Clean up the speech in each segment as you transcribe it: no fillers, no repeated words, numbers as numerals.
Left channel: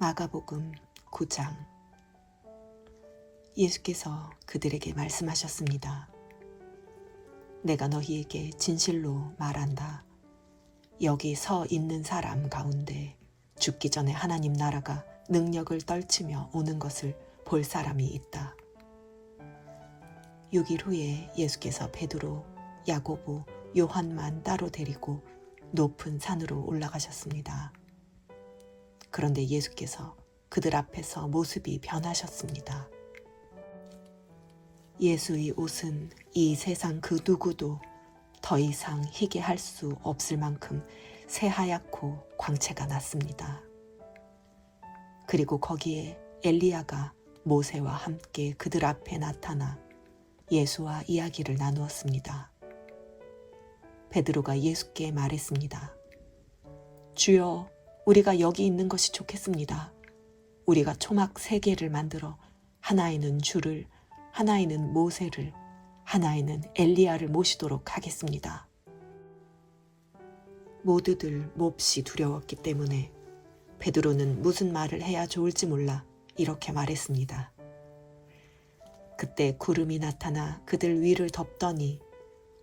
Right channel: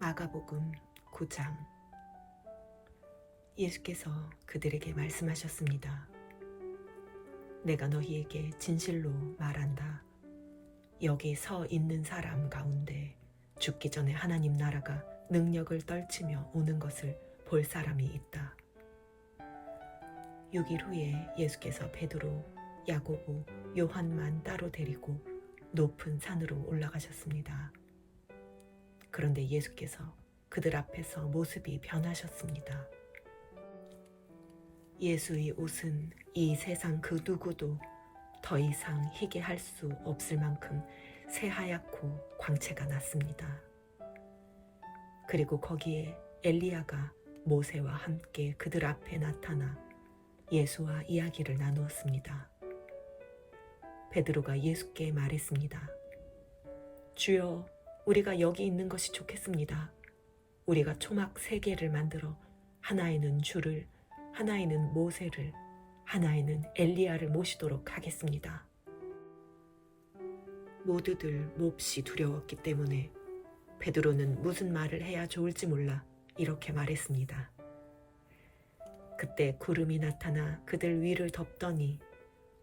마가복음 9장. 예수께서 그들에게 말씀하셨습니다. 내가 너희에게 진실로 말한다. 여기 서 있는 사람 가운데 죽기 전에 하나님 나라가 능력을 떨치며 오는 것을 볼 사람이 있다. 6일 후에 예수께서 베드로, 야고보, 요한만 따로 데리고 높은 산으로 올라가셨습니다. 그런데 예수께서 그들 앞에서 모습이 변하셨습니다. 예수의 옷은 이 세상 그 누구도 더 이상 희게 할 수 없을 만큼 새하얗고 광채가 났습니다. 그리고 거기에 엘리야가 모세와 함께 그들 앞에 나타나 예수와 이야기를 나누었습니다. 베드로가 예수께 말했습니다. 주여, 우리가 여기 있는 것이 좋겠습니다. 우리가 초막 3개를 만들어 하나에는 주를, 하나에는 모세를, 하나에는 엘리야를 모시도록 하겠습니다. 모두들 몹시 두려웠기 때문에 베드로는 무슨 말을 해야 좋을지 몰라 이렇게 말했습니다. 그때 구름이 나타나 그들 위를 덮더니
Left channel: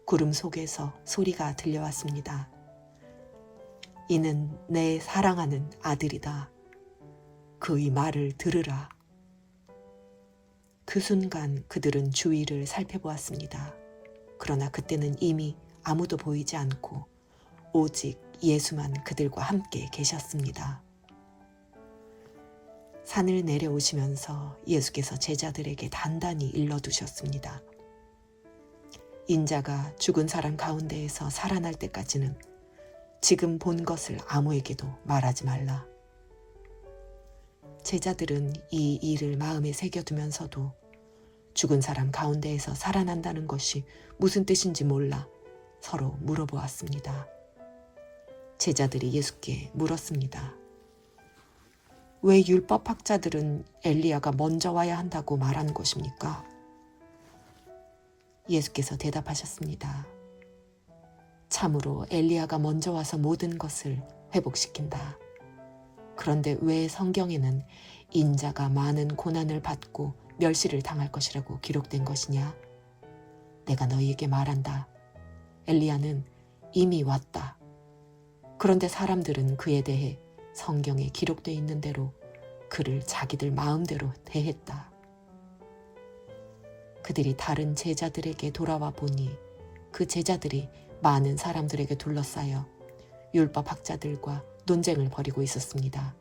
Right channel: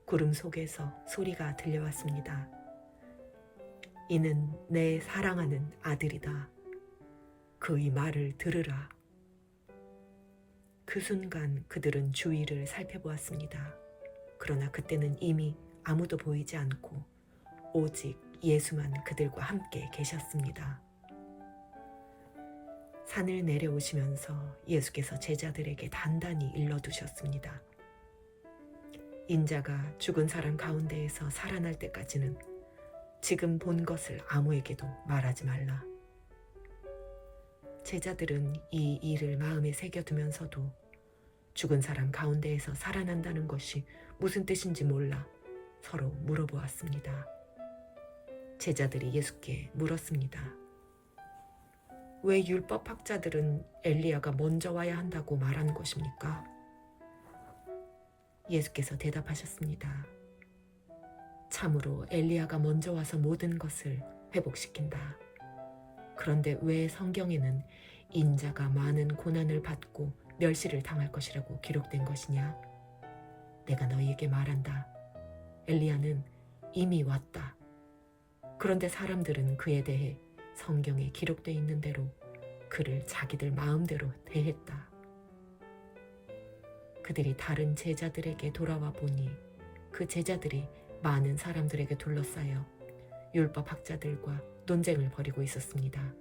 구름 속에서 소리가 들려왔습니다. 이는 내 사랑하는 아들이다. 그의 말을 들으라. 그 순간 그들은 주위를 살펴보았습니다. 그러나 그때는 이미 아무도 보이지 않고 오직 예수만 그들과 함께 계셨습니다. 산을 내려오시면서 예수께서 제자들에게 단단히 일러두셨습니다. 인자가 죽은 사람 가운데에서 살아날 때까지는 지금 본 것을 아무에게도 말하지 말라. 제자들은 이 일을 마음에 새겨두면서도 죽은 사람 가운데에서 살아난다는 것이 무슨 뜻인지 몰라 서로 물어보았습니다. 제자들이 예수께 물었습니다. 왜 율법학자들은 엘리야가 먼저 와야 한다고 말하는 것입니까? 예수께서 대답하셨습니다. 참으로 엘리야가 먼저 와서 모든 것을 회복시킨다. 그런데 왜 성경에는 인자가 많은 고난을 받고 멸시를 당할 것이라고 기록된 것이냐? 내가 너희에게 말한다. 엘리야는 이미 왔다. 그런데 사람들은 그에 대해 성경에 기록되어 있는 대로 그를 자기들 마음대로 대했다. 그들이 다른 제자들에게 돌아와 보니 그 제자들이 많은 사람들에게 둘러싸여 율법학자들과 논쟁을 벌이고 있었습니다.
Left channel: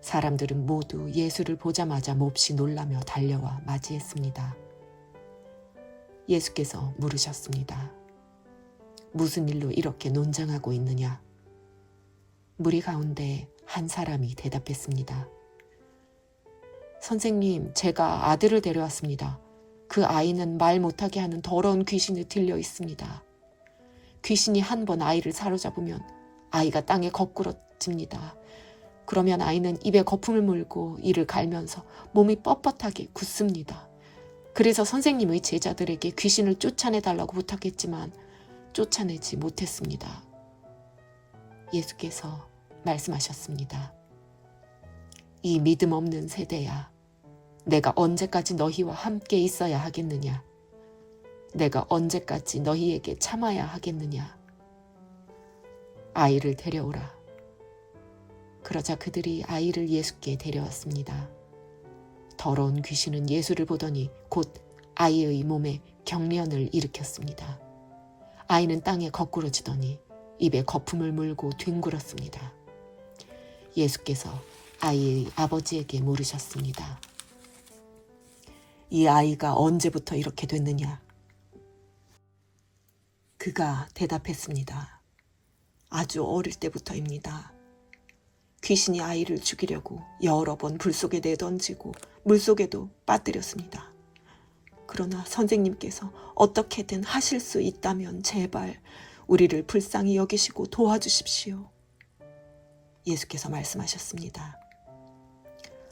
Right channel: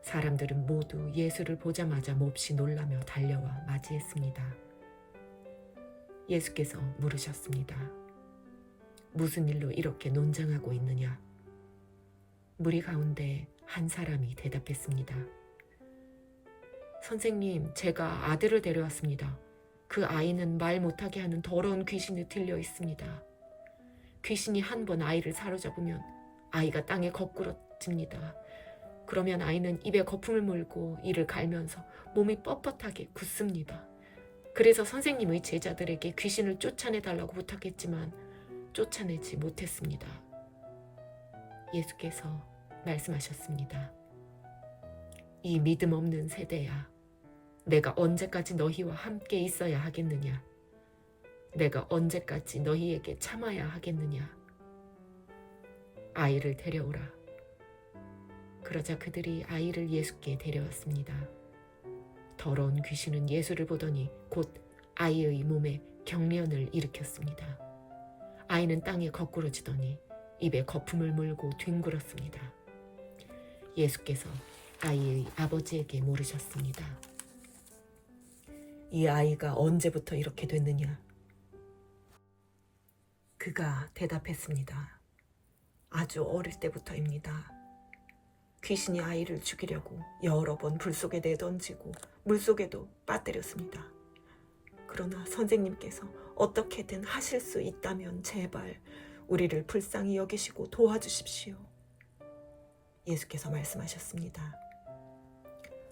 사람들은 모두 예수를 보자마자 몹시 놀라며 달려와 맞이했습니다. 예수께서 물으셨습니다. 무슨 일로 이렇게 논쟁하고 있느냐? 무리 가운데 한 사람이 대답했습니다. 선생님, 제가 아들을 데려왔습니다. 그 아이는 말 못하게 하는 더러운 귀신에 들려 있습니다. 귀신이 한 번 아이를 사로잡으면 아이가 땅에 거꾸러집니다. 그러면 아이는 입에 거품을 물고 이를 갈면서 몸이 뻣뻣하게 굳습니다. 그래서 선생님의 제자들에게 귀신을 쫓아내달라고 부탁했지만 쫓아내지 못했습니다. 예수께서 말씀하셨습니다. 이 믿음 없는 세대야, 내가 언제까지 너희와 함께 있어야 하겠느냐? 내가 언제까지 너희에게 참아야 하겠느냐? 아이를 데려오라. 그러자 그들이 아이를 예수께 데려왔습니다. 더러운 귀신은 예수를 보더니 곧 아이의 몸에 경련을 일으켰습니다. 아이는 땅에 거꾸러지더니 입에 거품을 물고 뒹굴었습니다. 예수께서 아이의 아버지에게 물으셨습니다. 이 아이가 언제부터 이렇게 됐느냐? 그가 대답했습니다. 아주 어릴 때부터입니다. 귀신이 아이를 죽이려고 여러 번 불 속에 내던지고 물속에도 빠뜨렸습니다. 그러나 선생님께서 어떻게든 하실 수 있다면 제발 우리를 불쌍히 여기시고 도와주십시오. 예수께서 말씀하셨습니다.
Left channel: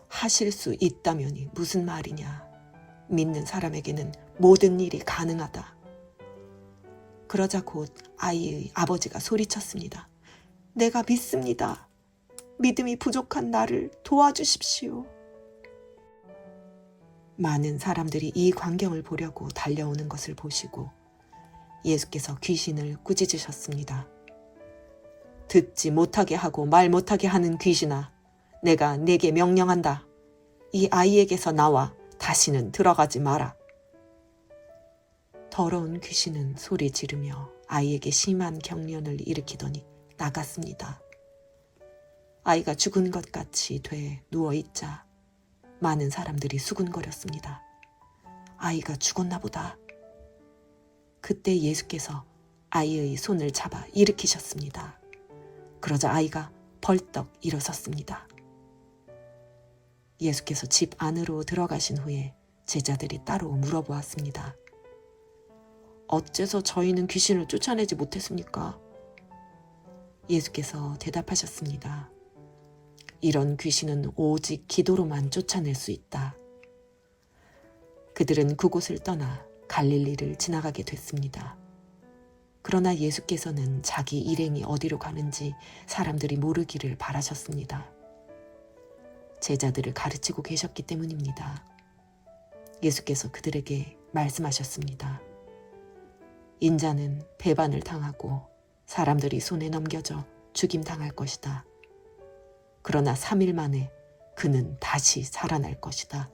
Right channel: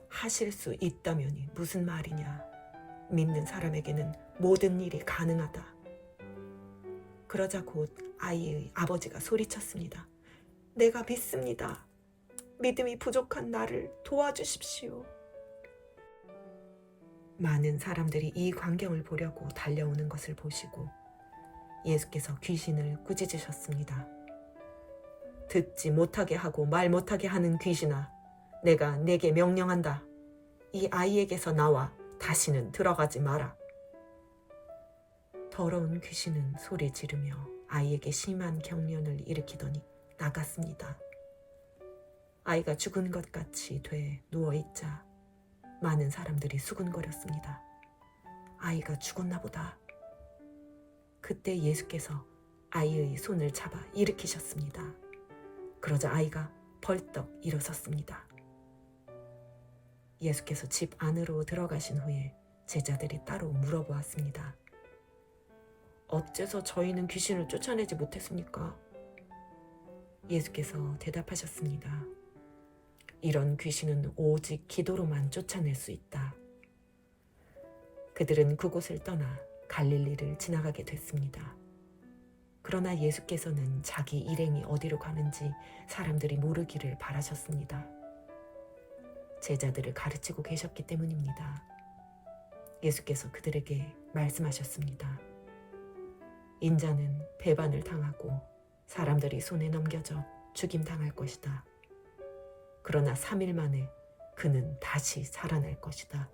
하실 수 있다면이 무슨 말이냐? 믿는 사람에게는 모든 일이 가능하다. 그러자 곧 아이의 아버지가 소리쳤습니다. 내가 믿습니다. 믿음이 부족한 나를 도와주십시오. 많은 사람들이 이 광경을 보려고 달려오는 것을 보시고 예수께서 귀신을 꾸짖으셨습니다. 듣지 못하게 하고 말 못하게 하는 귀신아, 내가 네게 명령한다. 이 아이에게서 나와 다시는 들어가지 마라. 더러운 귀신은 소리 지르며 아이에게 심한 경련을 일으키더니 나갔습니다. 아이가 죽은 것 같이 돼 누워있자 많은 사람들이 수군거렸습니다. 아이가 죽었나 보다. 그때 예수께서 아이의 손을 잡아 일으키셨습니다. 그러자 아이가 벌떡 일어섰습니다. 예수께서 집 안으로 들어가신 후에 제자들이 따로 물어보았습니다. 어째서 저희는 귀신을 쫓아내지 못했습니까? 예수께서 대답하셨습니다. 이런 귀신은 오직 기도로만 쫓아낼 수 있다. 그들은 그곳을 떠나 갈릴리를 지나가게 됐습니다. 그러나 예수께서는 자기 일행이 어디로 가는지 사람들이 모르기를 바라셨습니다. 제자들을 가르치고 계셨기 때문입니다. 예수께서 그들에게 말씀하셨습니다. 인자는 배반을 당하고 사람들이 손에 넘겨져 죽임당할 것이다. 그러나 3일 만에 그는 다시 살아날 것이다.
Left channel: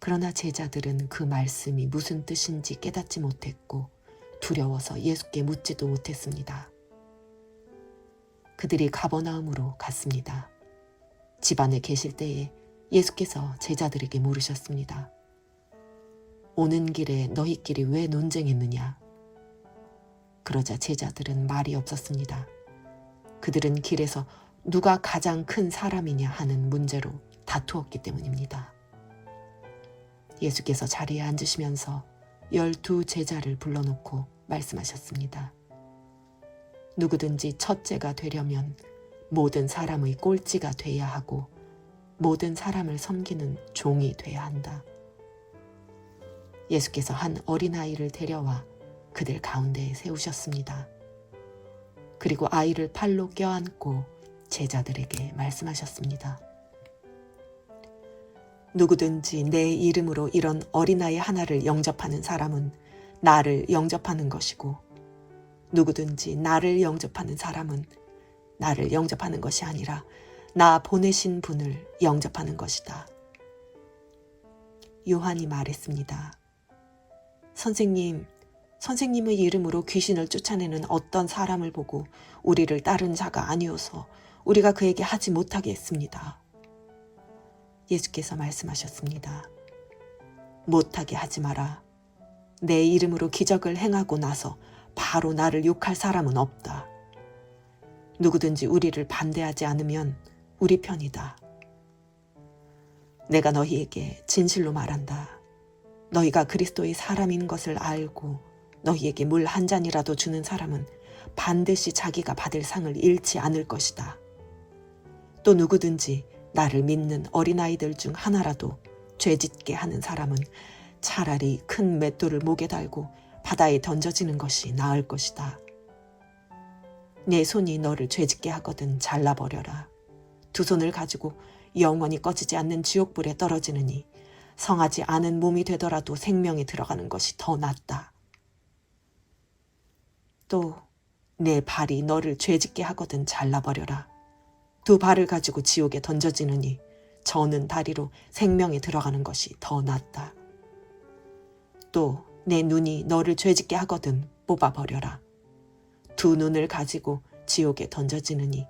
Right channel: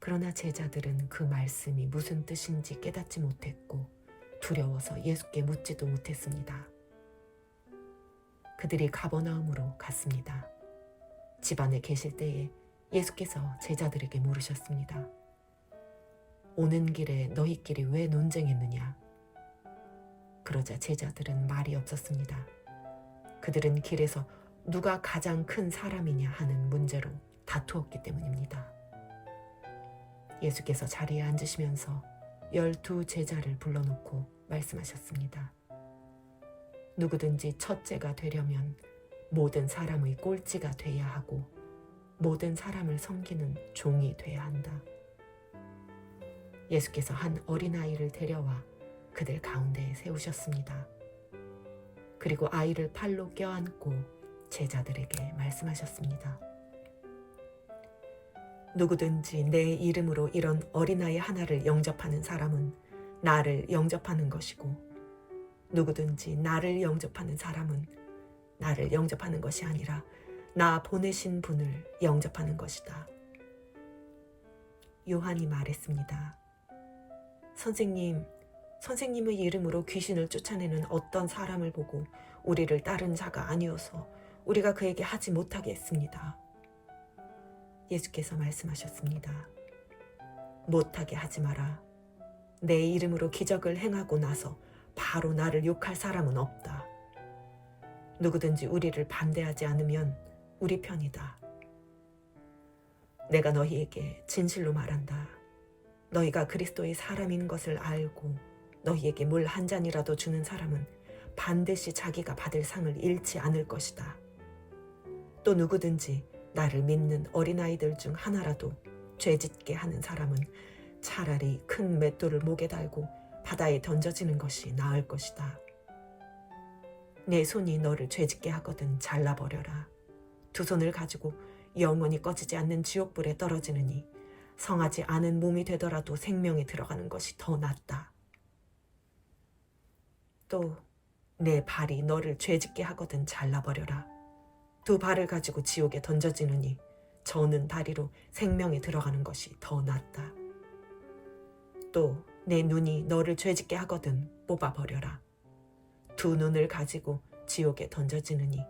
그러나 제자들은 그 말씀이 무슨 뜻인지 깨닫지 못했고 두려워서 예수께 묻지도 못했습니다. 그들이 가버나움으로 갔습니다. 집안에 계실 때에 예수께서 제자들에게 물으셨습니다. 오는 길에 너희끼리 왜 논쟁했느냐? 그러자 제자들은 말이 없었습니다. 그들은 길에서 누가 가장 큰 사람이냐 하는 문제로 다투었기 때문입니다. 예수께서 자리에 앉으시면서 12 제자를 불러놓고 말씀하셨습니다. 누구든지 첫째가 되려면 모든 사람의 꼴찌가 돼야 하고 모든 사람을 섬기는 종이 돼야 한다. 예수께서 한 어린아이를 데려와 그들 가운데에 세우셨습니다. 그리고 아이를 팔로 껴안고 제자들에게 말씀하셨습니다. 누구든지 내 이름으로 이런 어린아이 하나를 영접하는 사람은 나를 영접하는 것이고 누구든지 나를 영접하는 사람은 나를 영접하는 것이 아니라 나 보내신 분을 영접하는 것이다. 요한이 말했습니다. 선생님의 이름으로 귀신을 쫓아내는 어떤 사람을 보고 우리를 따른 자가 아니어서 우리가 그에게 하지 못하게 했습니다. 예수께서 말씀하셨습니다. 못하게 하지 마라. 내 이름으로 기적을 행하고 나서 바로 나를 욕할 사람은 없다. 누구든지 우리를 반대하지 않으면 우리 편이다. 내가 너희에게 진실로 말한다. 너희가 그리스도의 사람인 것을 알고 너희에게 물 한 잔이라도 주는 사람은 반드시 자기가 받을 상을 잃지 않을 것이다. 또 누구든지 나를 믿는 어린아이들 중 하나라도 죄짓게 하는 사람은 차라리 큰 맷돌을 목에 달고 바다에 던져지는 것이 나을 것이다. 내 손이 너를 죄짓게 하거든 잘라버려라. 두 손을 가지고 영원히 꺼지지 않는 지옥불에 떨어지느니 성하지 않은 몸이 되더라도 생명에 들어가는 것이 더 낫다. 또 내 발이 너를 죄짓게 하거든 잘라버려라. 두 발을 가지고 지옥에 던져지느니 저는 다리로 생명에 들어가는 것이 더 낫다. 또 내 눈이 너를 죄짓게 하거든 뽑아버려라. 두 눈을 가지고 지옥에 던져지느니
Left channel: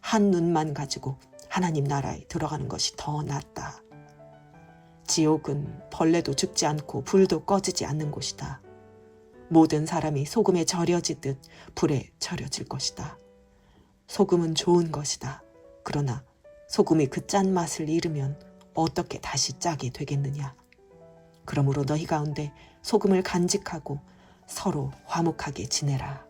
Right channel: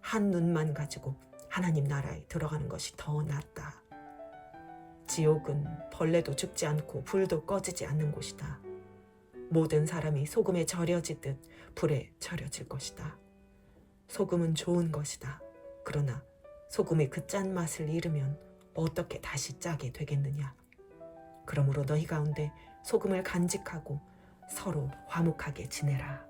한 눈만 가지고 하나님 나라에 들어가는 것이 더 낫다. 지옥은 벌레도 죽지 않고 불도 꺼지지 않는 곳이다. 모든 사람이 소금에 절여지듯 불에 절여질 것이다. 소금은 좋은 것이다. 그러나 소금이 그 짠맛을 잃으면 어떻게 다시 짜게 되겠느냐. 그러므로 너희 가운데 소금을 간직하고 서로 화목하게 지내라.